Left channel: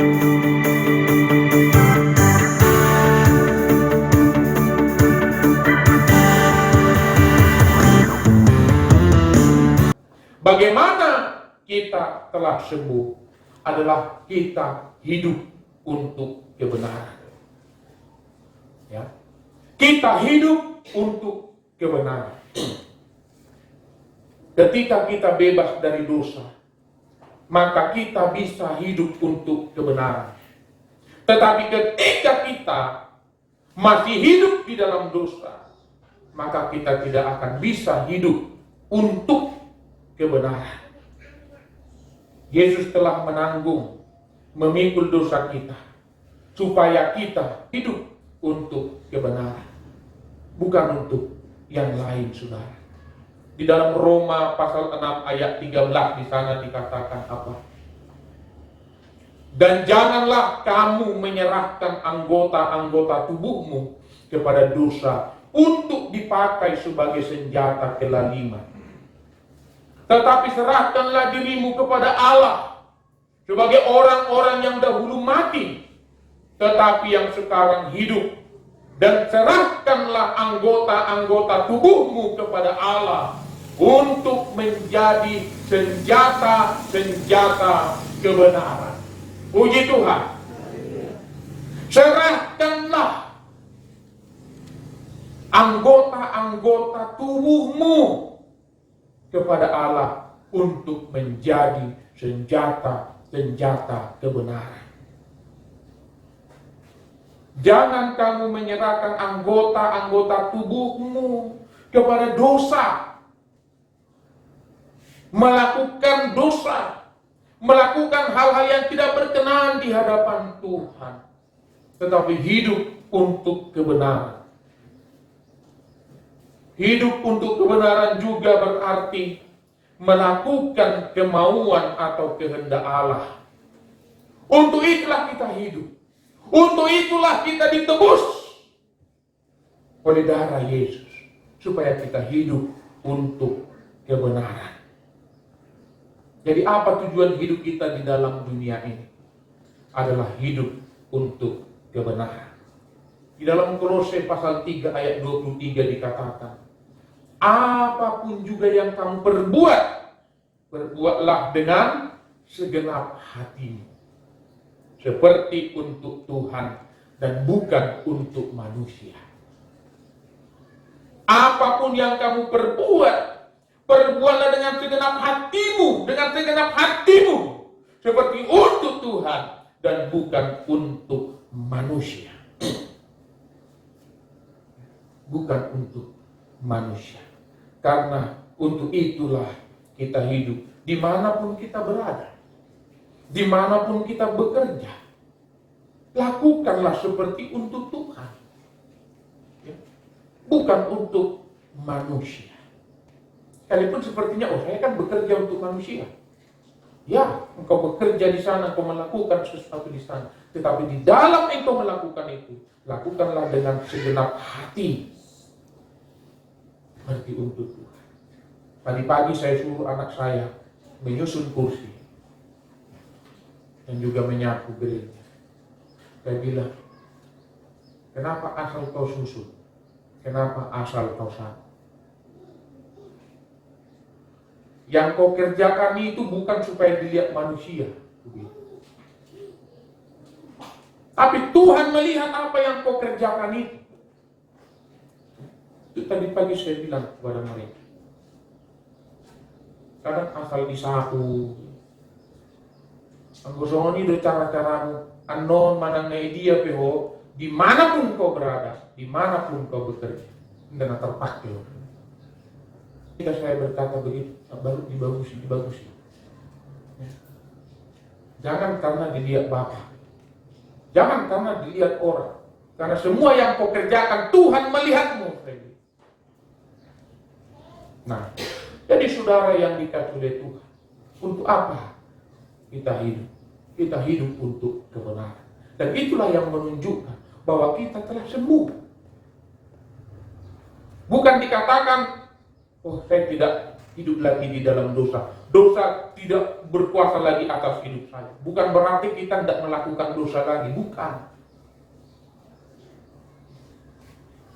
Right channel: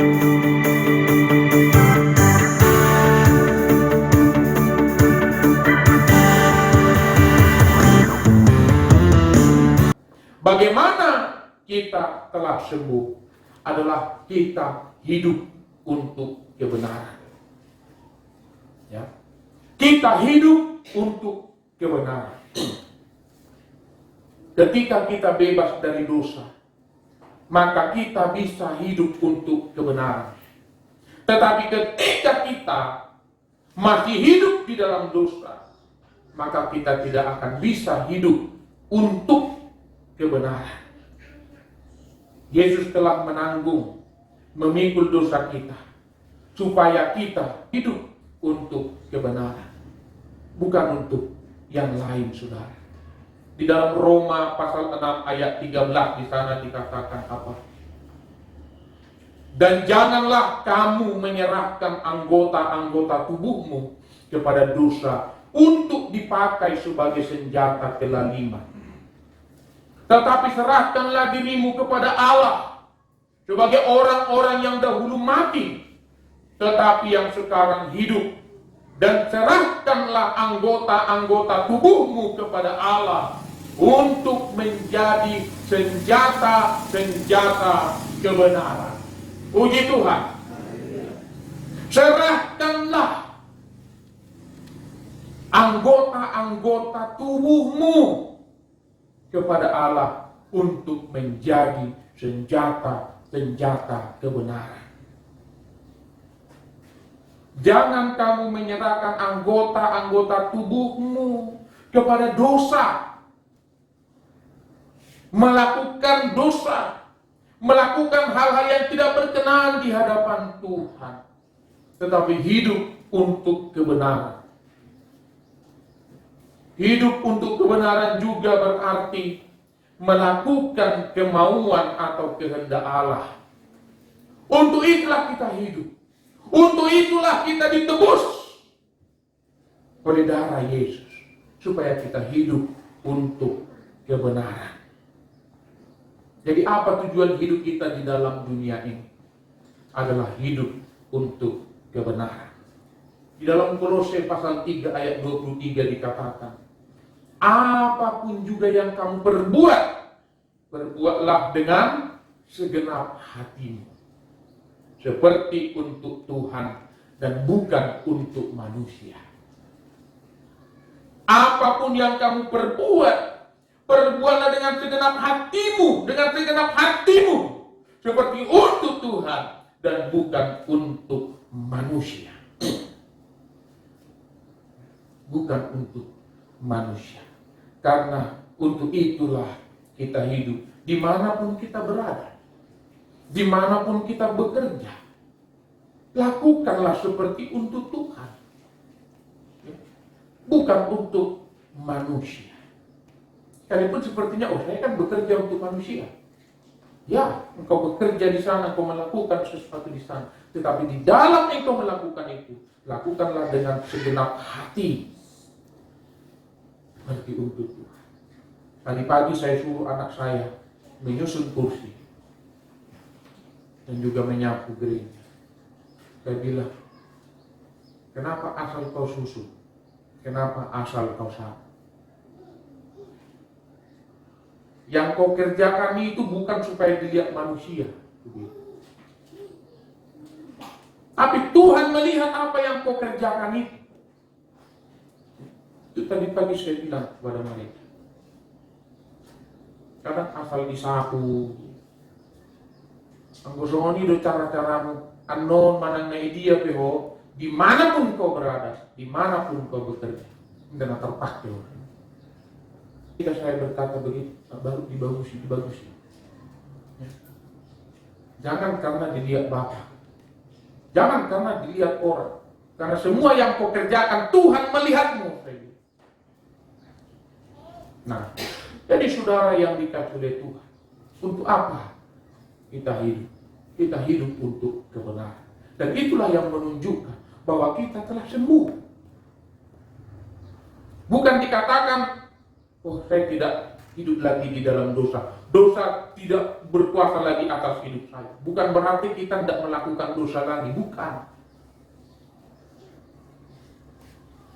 Bagaimana kita telah sembuh adalah kita hidup untuk kebenaran. Ya. Kita hidup untuk kebenaran. Ketika kita bebas dari dosa, maka kita bisa hidup untuk kebenaran. Tetapi ketika kita masih hidup di dalam dosa, maka kita tidak akan bisa hidup untuk kebenaran. Yesus telah menanggung, memikul dosa kita, supaya kita hidup untuk kebenaran, bukan untuk yang lain, saudara. Di dalam Roma pasal 6 ayat 13 di sana dikatakan apa? Dan janganlah kamu menyerahkan anggota-anggota tubuhmu kepada dosa untuk dipakai sebagai senjata kelaliman. Tetapi serahkanlah dirimu kepada Allah sebagai orang-orang yang dahulu mati, tetapi yang sekarang hidup. Dan serahkanlah anggota-anggota tubuhmu kepada Allah untuk menjadi senjata-senjata kebenaran. Puji Tuhan. Serahkanlah anggota-anggota tubuhmu kepada Allah untuk menjadi senjata-senjata kebenaran. Jangan kamu menyerahkan anggota-anggota tubuhmu kepada dosa, melakukan dosa, melakukan hal-hal yang tidak berkenan di hadapan Tuhan, tetapi hidup untuk kebenaran. Hidup untuk kebenaran juga berarti melakukan kemauan atau kehendak Allah. Untuk itulah kita hidup. Untuk itulah kita ditebus oleh darah Yesus, supaya kita hidup untuk kebenaran. Jadi apa tujuan hidup kita di dalam dunia ini? Adalah hidup untuk kebenaran. Di dalam Kolose pasal 3 ayat 23 dikatakan, apapun juga yang kamu perbuat, perbuatlah dengan segenap hatimu, seperti untuk Tuhan dan bukan untuk manusia. Apapun yang kamu perbuat, perbuatlah dengan segenap hatimu, seperti untuk Tuhan dan bukan untuk manusia. Bukan untuk manusia. Karena untuk itulah kita hidup, dimanapun kita berada. Dimanapun kita bekerja, lakukanlah seperti untuk Tuhan, bukan untuk manusia. Sekalipun sepertinya, saya kan bekerja untuk manusia. Ya, engkau bekerja di sana, engkau melakukan sesuatu di sana. Tetapi di dalam engkau melakukan itu, lakukanlah dengan segenap hati, seperti untuk Tuhan. Tadi pagi saya suruh anak saya menyusun kursi dan juga menyapu gereja. Saya bilang, kenapa asal kau susun? Kenapa asal kau sapu? Yang kau kerjakan itu bukan supaya dilihat manusia, tapi Tuhan melihat apa yang kau kerjakan itu. Itu tadi pagi saya bilang kepada mereka. Kadang asal disapu, anggosoni do cara-caramu anon manang dia peho dimanapun kau berada, dimanapun kau bekerja, tidak terpakai. Jika saya berkata begitu, baru dibagusi. Ya. Jangan karena dilihat Bapak, jangan karena dilihat orang, karena semua yang kau kerjakan Tuhan melihatmu. Nah, jadi saudara yang dikasihi oleh Tuhan, untuk apa kita hidup? Kita hidup untuk kebenaran. Dan itulah yang menunjukkan bahwa kita telah sembuh. Bukan dikatakan, saya hidup lagi di dalam dosa. Dosa tidak berkuasa lagi atas hidup saya. Bukan berarti kita tidak melakukan dosa lagi, bukan.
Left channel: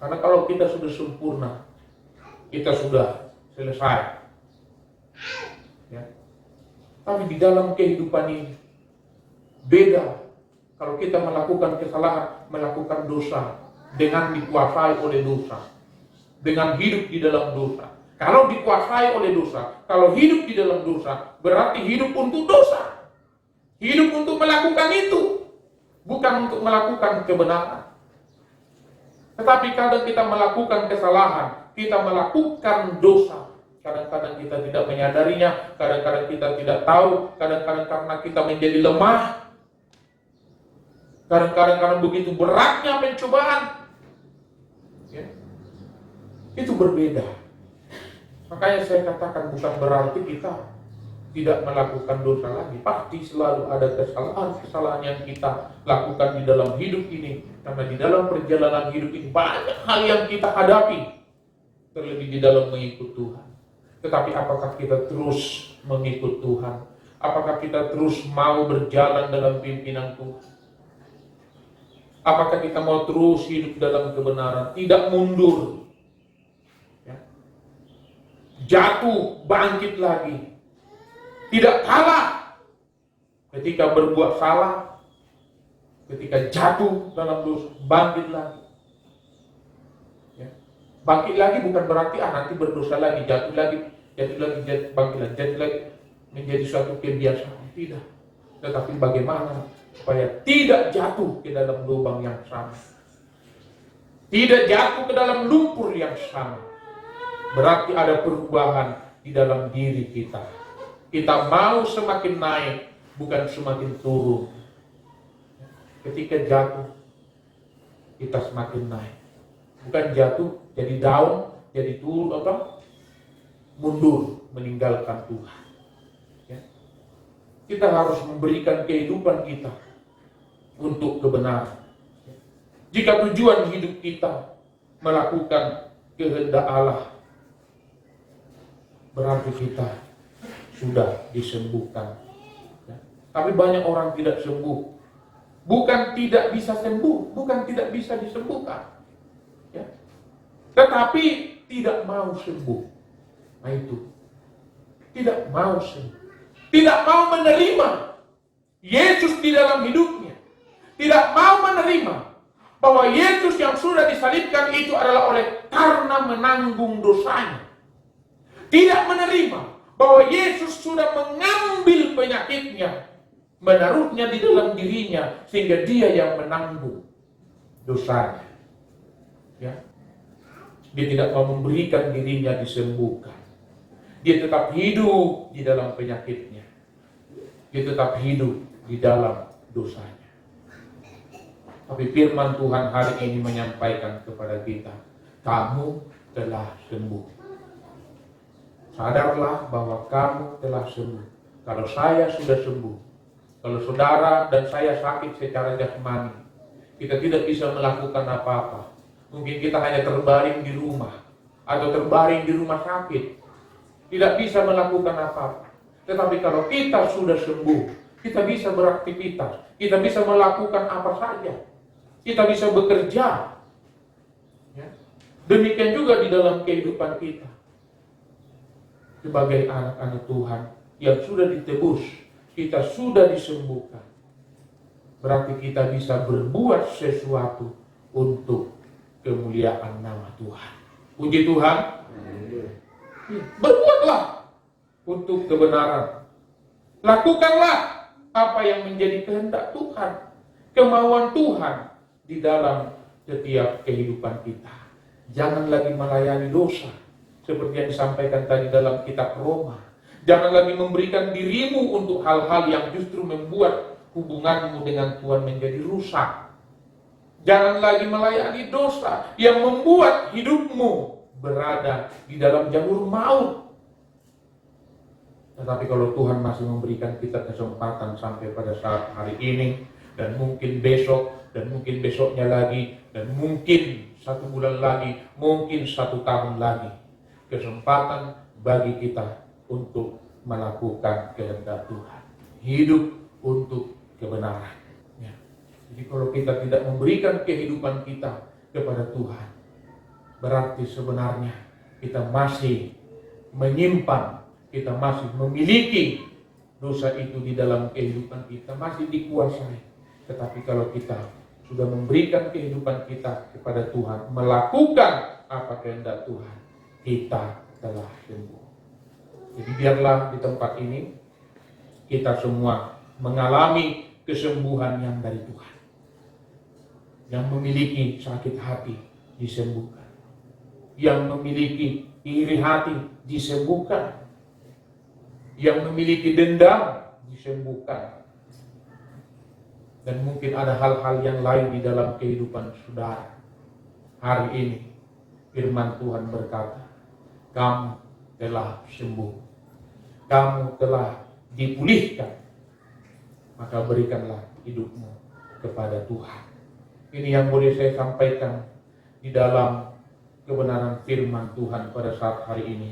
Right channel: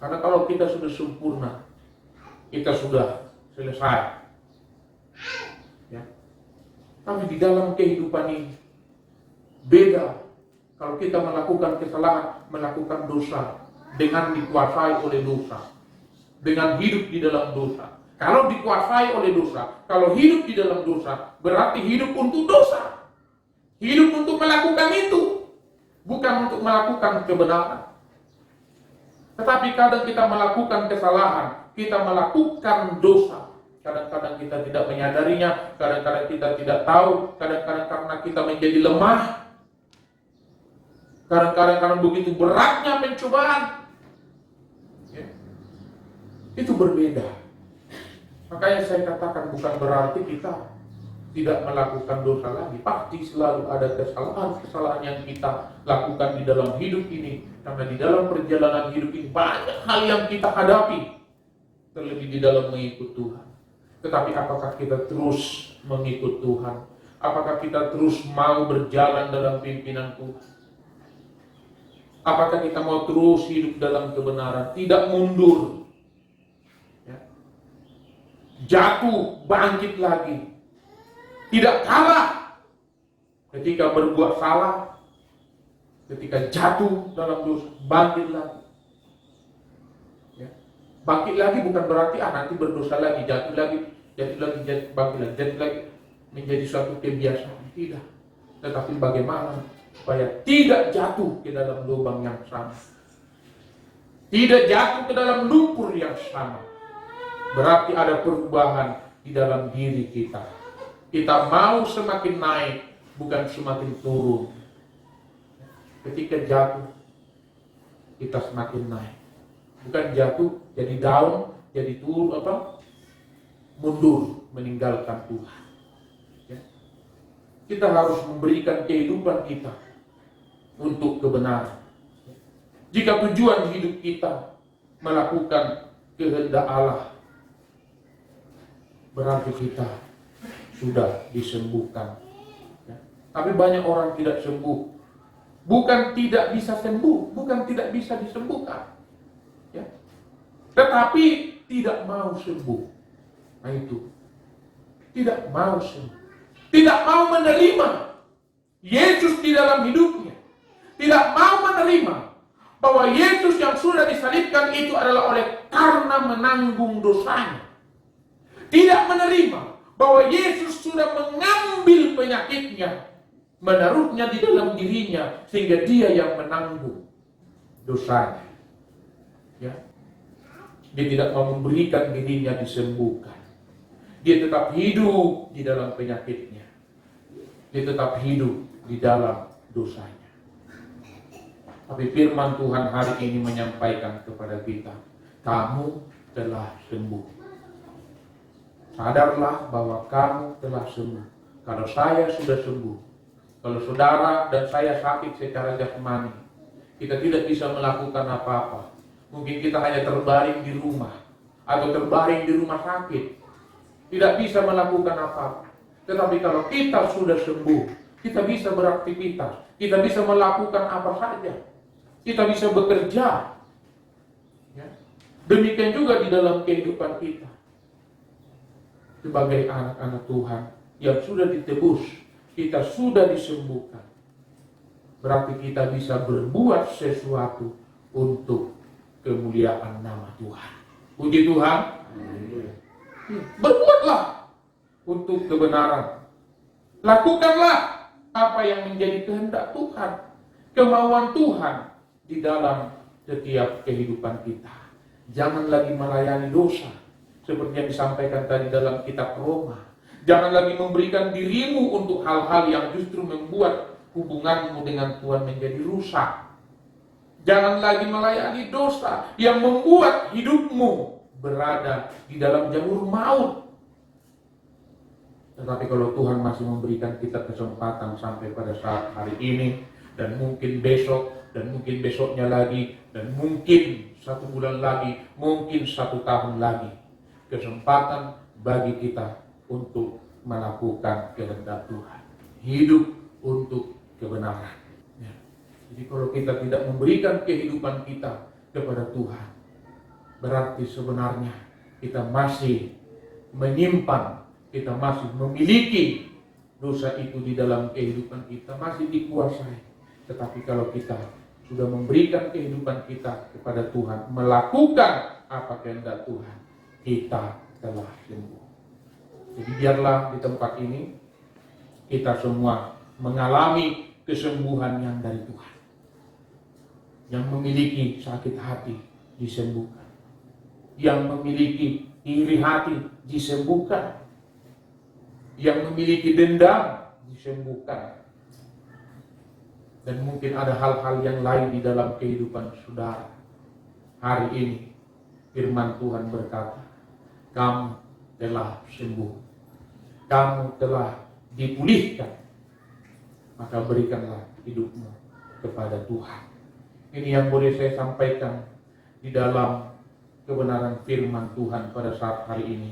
Karena kalau kita sudah sempurna, kita sudah selesai. Ya. Tapi di dalam kehidupan ini beda. Kalau kita melakukan kesalahan, melakukan dosa dengan dikuasai oleh dosa, dengan hidup di dalam dosa. Kalau dikuasai oleh dosa, kalau hidup di dalam dosa, berarti hidup untuk dosa. Hidup untuk melakukan itu, bukan untuk melakukan kebenaran. Tetapi kadang kita melakukan kesalahan, kita melakukan dosa. Kadang-kadang kita tidak menyadarinya, kadang-kadang kita tidak tahu, kadang-kadang karena kita menjadi lemah. Kadang-kadang karena begitu beratnya pencobaan. Ya. Itu berbeda. Makanya saya katakan bukan berarti kita tidak melakukan dosa lagi. Pasti selalu ada kesalahan-kesalahan yang kita lakukan di dalam hidup ini. Karena di dalam perjalanan hidup ini banyak hal yang kita hadapi. Terlebih di dalam mengikut Tuhan. Tetapi apakah kita terus mengikut Tuhan? Apakah kita terus mau berjalan dalam pimpinan Tuhan? Apakah kita mau terus hidup dalam kebenaran? Tidak mundur. Jatuh, bangkit lagi. Tidak kalah ketika berbuat salah, ketika jatuh dalam dosa, bangkit lagi. Ya. Bangkit lagi bukan berarti nanti berdosa lagi, jatuh lagi, bangkit lagi, menjadi suatu kebiasaan. Tidak. Tetapi bagaimana supaya tidak jatuh ke dalam lubang yang sama, tidak jatuh ke dalam lumpur yang sama. Berarti ada perubahan di dalam diri kita. Kita mau semakin naik, bukan semakin turun. Ketika jatuh, kita semakin naik. Bukan jatuh, jadi down, jadi turun, mundur, meninggalkan Tuhan. Ya. Kita harus memberikan kehidupan kita untuk kebenaran. Jika tujuan hidup kita melakukan kehendak Allah, berarti kita sudah disembuhkan. Ya. Tapi banyak orang tidak sembuh. Bukan tidak bisa sembuh, bukan tidak bisa disembuhkan. Ya. Tetapi tidak mau sembuh. Nah itu. Tidak mau sembuh. Tidak mau menerima Yesus di dalam hidupnya. Tidak mau menerima bahwa Yesus yang sudah disalibkan itu adalah oleh karena menanggung dosanya. Tidak menerima bahwa Yesus sudah mengambil penyakitnya, menaruhnya di dalam dirinya, sehingga dia yang menanggung dosanya. Ya. Dia tidak mau memberikan dirinya disembuhkan. Dia tetap hidup di dalam penyakitnya. Dia tetap hidup di dalam dosanya. Tapi firman Tuhan hari ini menyampaikan kepada kita, kamu telah sembuh. Sadarlah bahwa kamu telah sembuh. Kalau saya sudah sembuh, kalau saudara dan saya sakit secara jasmani, kita tidak bisa melakukan apa-apa. Mungkin kita hanya terbaring di rumah atau terbaring di rumah sakit, tidak bisa melakukan apa-apa. Tetapi kalau kita sudah sembuh, kita bisa beraktivitas, kita bisa melakukan apa saja, kita bisa bekerja. Ya. Demikian juga di dalam kehidupan kita. Sebagai anak-anak Tuhan yang sudah ditebus, kita sudah disembuhkan. Berarti kita bisa berbuat sesuatu untuk kemuliaan nama Tuhan. Puji Tuhan. Berbuatlah untuk kebenaran. Lakukanlah apa yang menjadi kehendak Tuhan, kemauan Tuhan di dalam setiap kehidupan kita. Jangan lagi melayani dosa. Seperti yang disampaikan tadi dalam kitab Roma. Jangan lagi memberikan dirimu untuk hal-hal yang justru membuat hubunganmu dengan Tuhan menjadi rusak. Jangan lagi melayani dosa yang membuat hidupmu berada di dalam jalur maut. Tetapi kalau Tuhan masih memberikan kita kesempatan sampai pada saat hari ini, dan mungkin besok, dan mungkin besoknya lagi, dan mungkin 1 bulan lagi, mungkin 1 tahun lagi, kesempatan bagi kita untuk melakukan kehendak Tuhan. Hidup untuk kebenaran. Ya. Jadi kalau kita tidak memberikan kehidupan kita kepada Tuhan, berarti sebenarnya kita masih menyimpan, kita masih memiliki dosa itu di dalam kehidupan kita, masih dikuasai. Tetapi kalau kita sudah memberikan kehidupan kita kepada Tuhan, melakukan apa kehendak Tuhan, kita telah sembuh. Jadi biarlah di tempat ini kita semua mengalami kesembuhan yang dari Tuhan. Yang memiliki sakit hati disembuhkan. Yang memiliki iri hati disembuhkan. Yang memiliki dendam disembuhkan. Dan mungkin ada hal-hal yang lain di dalam kehidupan saudara. Hari ini firman Tuhan berkata, kamu telah sembuh. Kamu telah dipulihkan. Maka berikanlah hidupmu kepada Tuhan. Ini yang boleh saya sampaikan di dalam kebenaran firman Tuhan pada saat hari ini.